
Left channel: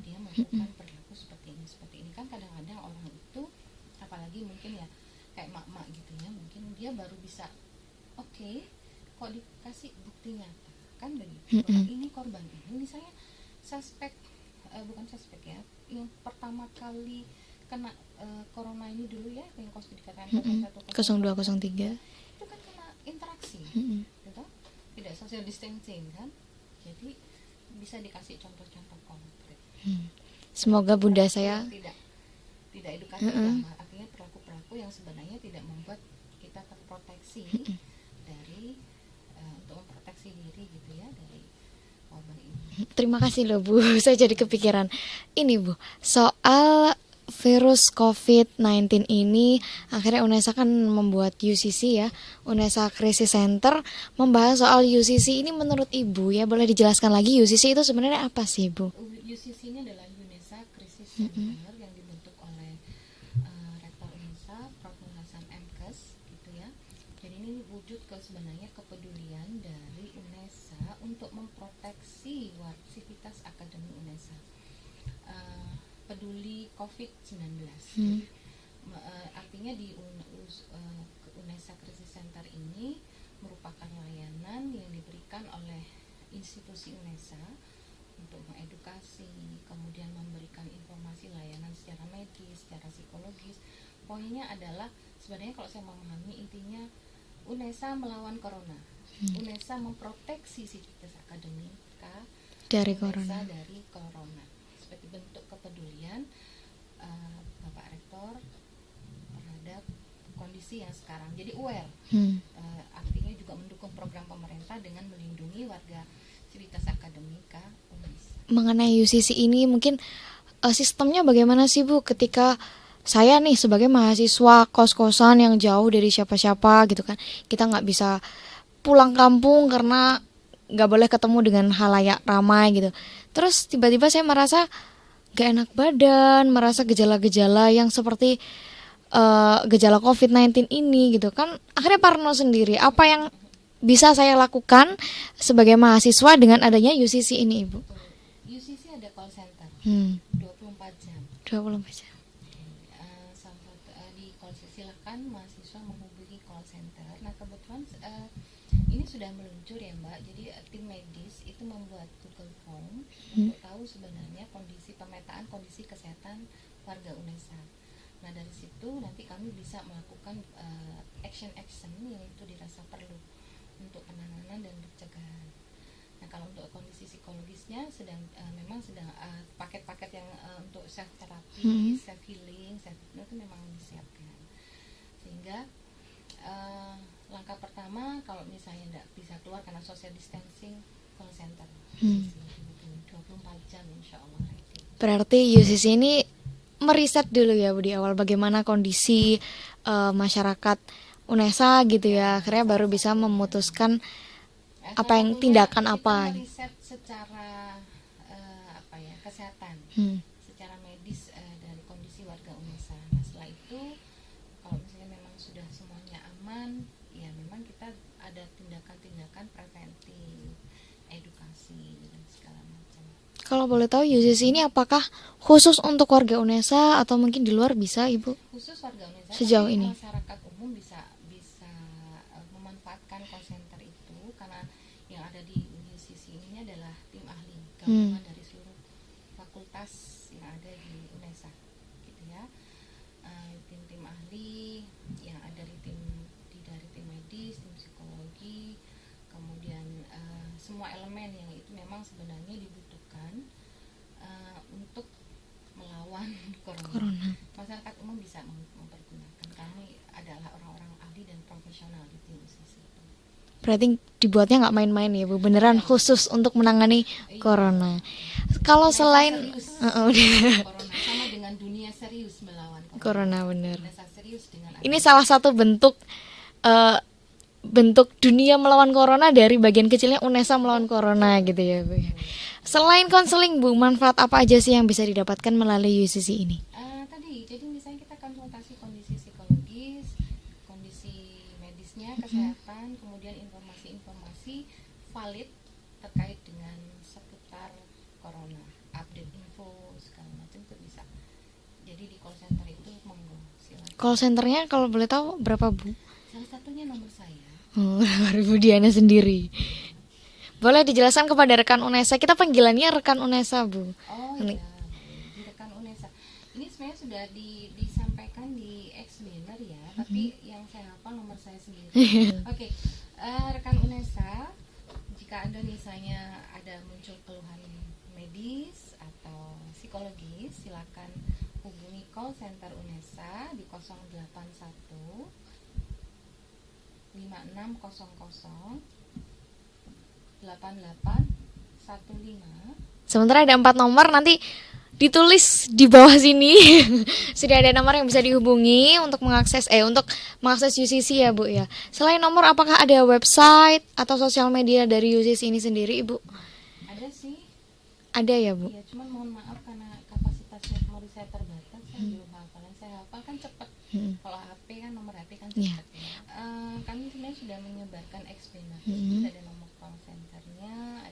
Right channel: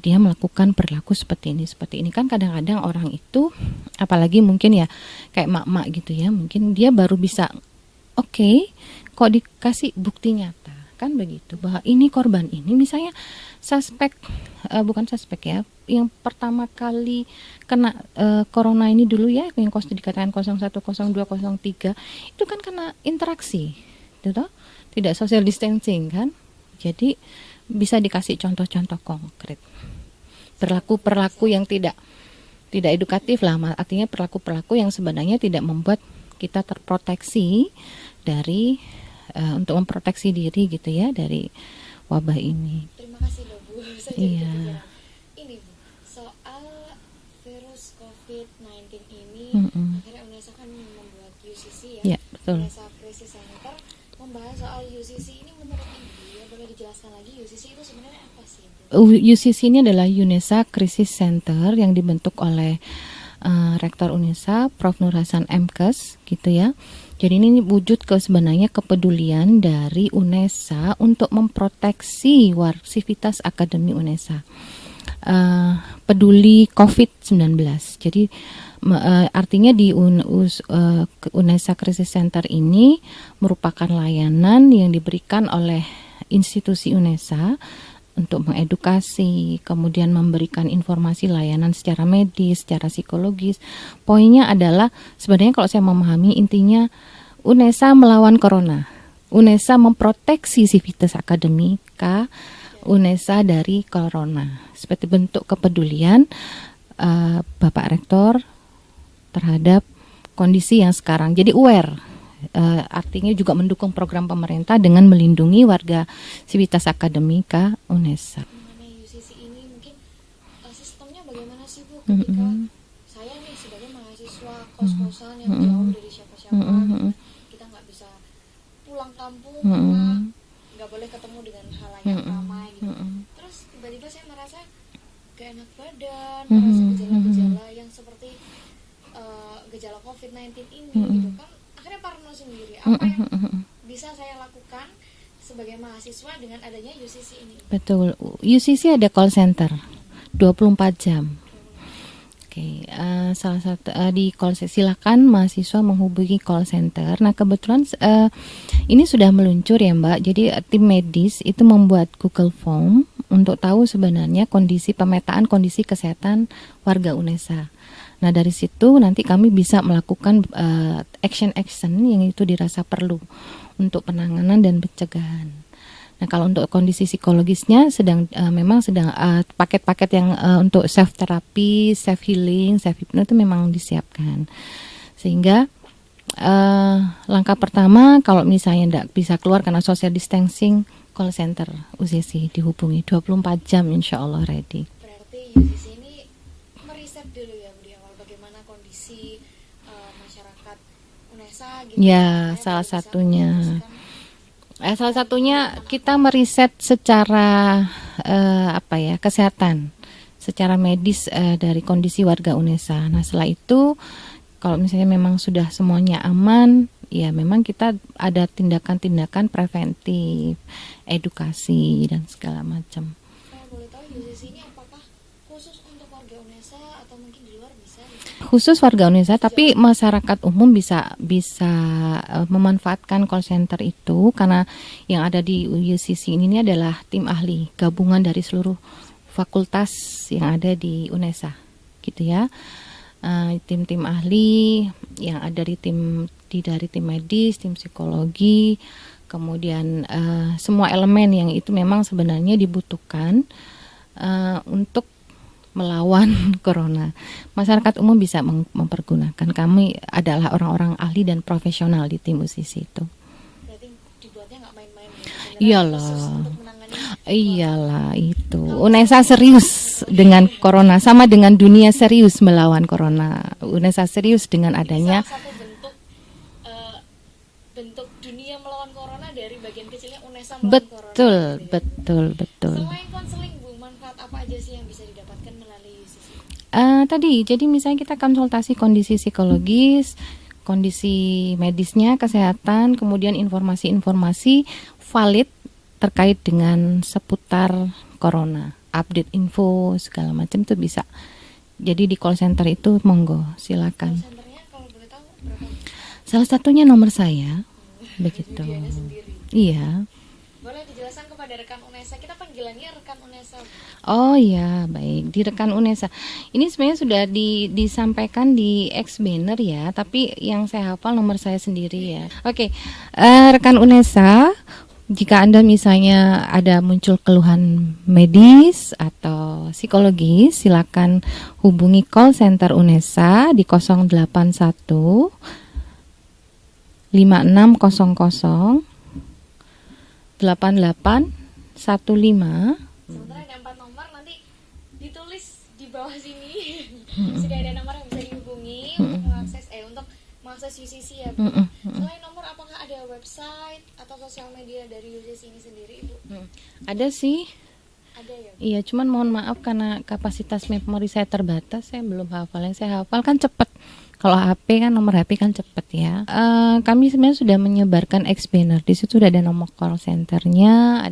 dia melakukan perilaku seperti ini kan. Kadang-kadang orang itu, apalagi mungkin ya kayak mak-mak gitu ya, mungkin dia baru bisa kok dikasih bukti nyata kan begitu, bahwa ini korban ini misalnya bukan suspek ya, yang pertama kali kena corona ini dulu ya, yang dikatakan 01, 02, 03 itu kan kena interaksi, gitu, tidak social distancing kan. Jadi bisa dikasih contoh-contoh konkret. Perilaku yang tidak edukatif lah, artinya perilaku yang sebenarnya tidak membuat kita terproteksi dari untuk memproteksi diri gitu ya dari wabah ini. Terima kasih loh Bu, saya jadi Iya. kepikiran. Ini Bu, soal virus COVID-19 ini, akhirnya UNESA kan membuat UCC ya, Ya, betul. UNESA Crisis Center, membahas soal UCC ini. Menurut Ibu ya, boleh dijelaskan lagi UCC itu sebenarnya apa sih Bu? UCC ini adalah UNESA Crisis Center yang dibentuk oleh Rektor UNESA, Prof. Nur Hasan MKes, gitu ya. Jadi ini wujud sebenarnya kepedulian dari UNESA untuk memproteksi sivitas akademi UNESA. Peduli COVID-19. Jadi artinya di UNESA Crisis Center ini merupakan layanan yang diberikan oleh institusi UNESA untuk mengedukasi, kemudian memberikan informasi layanan secara medis, secara psikologis. Poinnya adalah sebenarnya kalau saya memahami intinya UNESA melawan corona. UNESA memproteksi sivitas akademika UNESA dari corona. Seperti bentuk kepedulian Bapak Rektor terhadap kondisi yang sekarang. Jadi aware, artinya juga mendukung program pemerintah dengan melindungi warga sivitas akademika UNESA. Mengenai UCC ini mungkin sistemnya bagaimana sih Bu ketika saya nih sebagai mahasiswa kos-kosan yang jauh dari siapa-siapa gitu kan, kita nggak bisa pulang kampung karena nggak boleh ketemu dengan halayak ramai gitu. Terus tiba-tiba saya merasa gak enak badan, merasa gejala-gejala yang seperti gejala COVID-19 ini gitu kan, akhirnya parno sendiri. Apa yang bisa saya lakukan sebagai mahasiswa dengan adanya UCC ini? Betul, UCC ada call center 24 jam. 20. Oke, salah satu di call center silakan mahasiswa menghubungi call center. Nah kebetulan ini sudah meluncur ya Mbak. Jadi tim medis itu membuat Google Form untuk tahu sebenarnya pemetaan kondisi kesehatan warga UNESA. Nah dari situ nanti kami bisa melakukan action yang itu dirasa perlu untuk penanganan dan pencegahan. Nah kalau untuk kondisi psikologisnya memang sedang paket-paket yang untuk self terapi, self healing, self hypno itu memang disiapkan. Sehingga langkah pertama kalau misalnya tidak bisa keluar karena social distancing, call center UCC dihubungi 24 jam insya Allah ready. Berarti UCC ini meriset dulu ya Bu di awal bagaimana kondisi masyarakat UNESA gitu ya, akhirnya baru bisa memutuskan salah satunya kita meriset secara kesehatan, secara medis dari kondisi warga UNESA. Nah setelah itu kalau misalnya memang sudah semuanya aman, ya memang kita ada tindakan-tindakan preventif, edukasi dan segala macam. Kalau boleh tahu UCC ini apakah khusus untuk warga UNESA atau mungkin di luar bisa Ibu? Khusus warga UNESA, tapi ini masyarakat umum bisa memanfaatkan call center itu karena yang ada di UCC ini adalah tim ahli gabungan dari seluruh fakultas yang ada di UNESA, gitu ya. Tim-tim ahli yang ada dari tim medis, tim psikologi. Kemudian semua elemen yang itu memang sebenarnya dibutuhkan untuk melawan corona. Masyarakat umum bisa mempergunakan. Kami adalah orang-orang ahli dan profesional di tim UCC itu. Berarti dibuatnya nggak main-main ya Bu, beneran Iyalah. Khusus untuk menangani corona. Iyalah itu. Kalau UNESA serius dengan corona, sama dengan dunia serius melawan corona. UNESA serius dengan adanya. Ini salah satu bentuk dunia melawan corona dari bagian kecilnya UNESA melawan corona gitu ya. Betul. Selain konseling Bu, manfaat apa aja sih yang bisa didapatkan melalui UCC ini? Jadi misalnya kita konsultasi kondisi psikologis, kondisi medisnya, kesehatan, kemudian informasi-informasi valid terkait dengan seputar corona, update info segala macam itu bisa. Jadi di call center itu monggo silakan. Call centernya kalau boleh tahu berapa Bu? Salah satunya nomor saya. Bu Diana sendiri. Iya. Boleh dijelaskan kepada rekan UNESA, kita panggilannya rekan UNESA Bu. Oh iya, baik, di rekan UNESA. Ini sebenarnya sudah disampaikan di X banner ya, tapi yang saya hafal nomor saya sendiri ya. Oke, rekan UNESA, jika Anda misalnya ada muncul keluhan medis atau psikologis, silakan hubungi call center UNESA di 081 5600 8815. Sementara ada 4 nomor, nanti ditulis di bawah sini. Sudah ada nomor yang bisa dihubungi untuk mengakses UCC ya Bu ya. Selain nomor, apakah ada website atau sosial media dari UCC ini sendiri Ibu? Ada sih. Ada ya Bu? Iya, cuman mohon maaf karena kapasitas memori saya terbatas, saya belum hafal. Yang saya hafal kan cepet. Kalau HP kan nomor HP kan cepet ya. Kami sebenarnya sudah menyebarkan ex-banner. Di situ sudah ada nomor call centernya,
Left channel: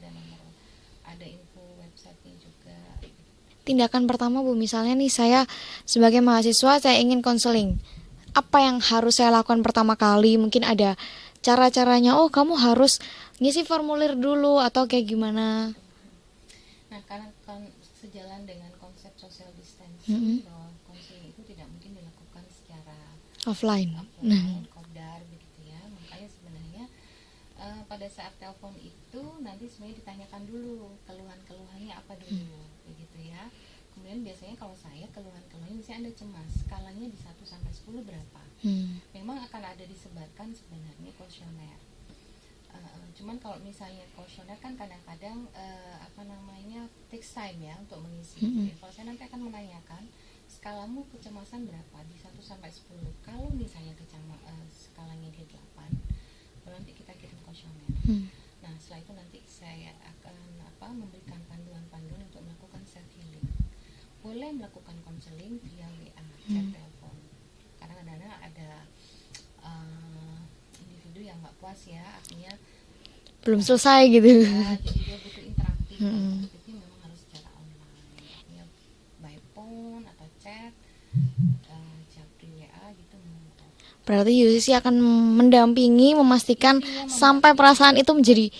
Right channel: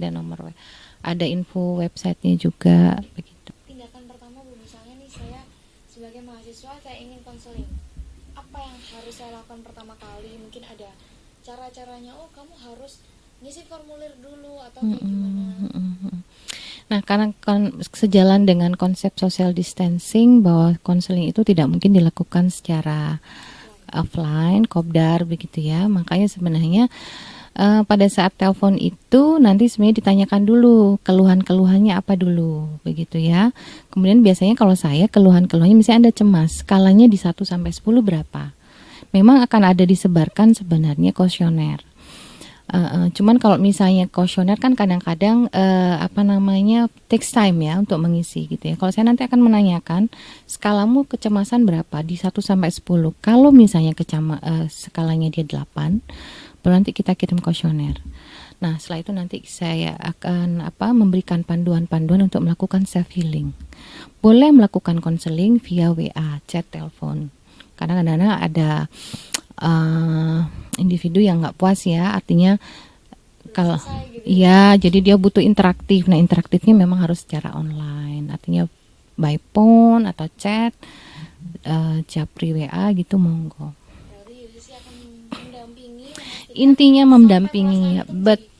ada info websitenya juga. Begitu. Tindakan pertama Bu, misalnya nih saya sebagai mahasiswa saya ingin konseling. Apa yang harus saya lakukan pertama kali? Mungkin ada cara-caranya. Oh, kamu harus ngisi formulir dulu atau kayak gimana? Nah, karena sejalan dengan konsep social distancing bahwa konseling itu tidak mungkin dilakukan secara offline, kopdar begitu ya. Makanya sebenarnya pada saat telepon itu nanti sebenarnya ditanyakan dulu keluhan-keluhannya apa dulu begitu ya. Kemudian biasanya kalau saya keluhannya misalnya Anda cemas, skalanya di 1 sampai 10 berapa? Memang akan ada disebarkan sebenarnya kuesioner. Cuman kalau misalnya kuesioner kan kadang-kadang takes time ya untuk mengisi gitu ya. Kalau saya nanti akan menanyakan skalamu kecemasan berapa di 1 sampai 10. Kalau misalnya skalanya dia 8, baru nanti kita kirim kuesioner. Nah, setelah itu nanti saya akan memberikan panduan-panduan untuk melakukan self healing. Boleh melakukan konseling via WA, chat, telepon. Karena kadang-kadang ada individu yang nggak puas ya, artinya belum selesai gitu ya, jadi dia butuh interaktif. Nah, interaktifnya memang harus secara online, artinya by phone atau chat, japri WA gitu, monggo. Berarti UCC akan mendampingi, memastikan Intinya sampai perasaan itu menjadi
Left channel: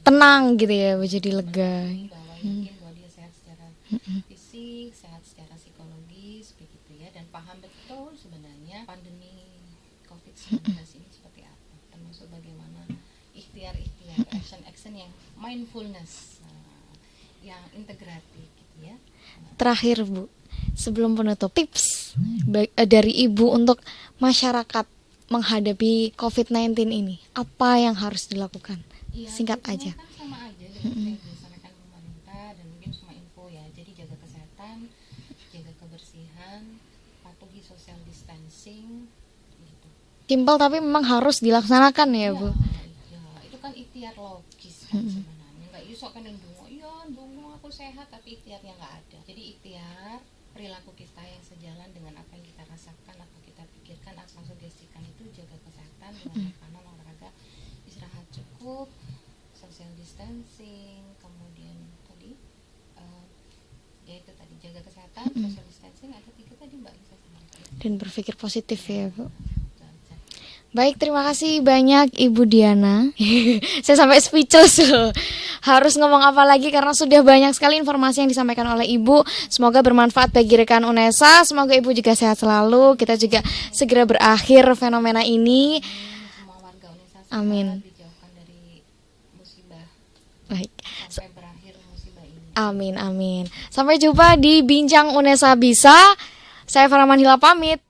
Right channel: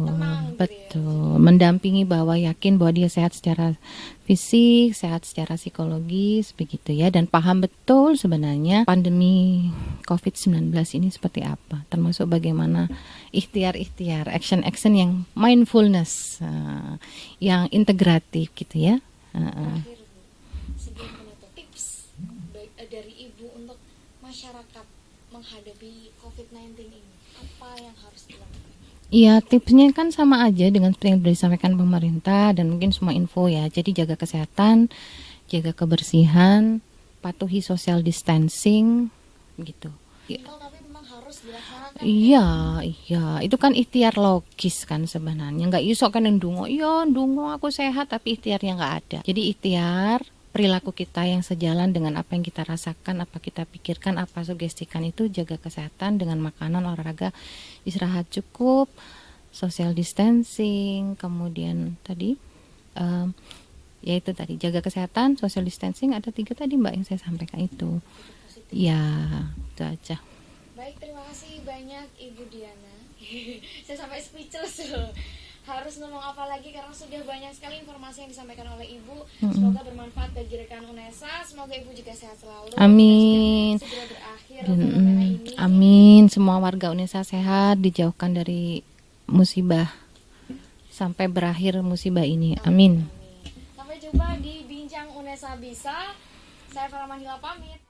tenang gitu ya, betul. menjadi lega. Mendampingi bahwa yakin bahwa dia sehat secara fisik, sehat secara psikologis begitu ya, dan paham betul sebenarnya pandemi COVID-19 ini seperti apa, termasuk bagaimana ikhtiar-ikhtiar, action-action yang mindfulness, yang integratif gitu ya. Terakhir Bu, sebelum penutup, tips dari Ibu untuk masyarakat menghadapi COVID-19 ini, apa yang harus dilakukan? Iya, Singkat tipsnya aja. kan sama aja dengan seperti yang disampaikan pemerintah dan mungkin semua info ya. Jadi jaga kesehatan, jaga kebersihan, patuhi social distancing gitu. Simpel tapi memang harus dilaksanakan ya Bu? Iya, itu kan ikhtiar logis kan sebenarnya. Nggak iso kan ndonga, ndonga aku sehat tapi ikhtiarnya nggak ada. Jadi ikhtiar perilaku kita yang sejalan dengan apa yang kita rasakan, apa kita pikirkan, apa sugestikan itu, jaga kesehatan dengan makanan, olahraga, istirahat cukup, social distancing, kemudian tadi yaitu tadi jaga kesehatan, social distancing, ada 3 tadi Mbak yang saya sampaikan itu. Dan berpikir positif Ya, Bu. itu aja. Baik, terima kasih banyak Ibu Diana. Saya sampai speechless loh. Harus ngomong apa lagi karena sudah banyak sekali informasi yang disampaikan oleh Ibu. Semoga bermanfaat bagi rekan UNESA. Semoga Ibu juga sehat selalu. Amin. Kita juga segera berakhir fenomena ini. Amin. Semua warga UNESA sehat, dijauhkan dari musibah. Baik. Sampai berakhir musibah ini. Amin. Sampai jumpa di Bincang UNESA Bisa. Saya Farah Manhila pamit.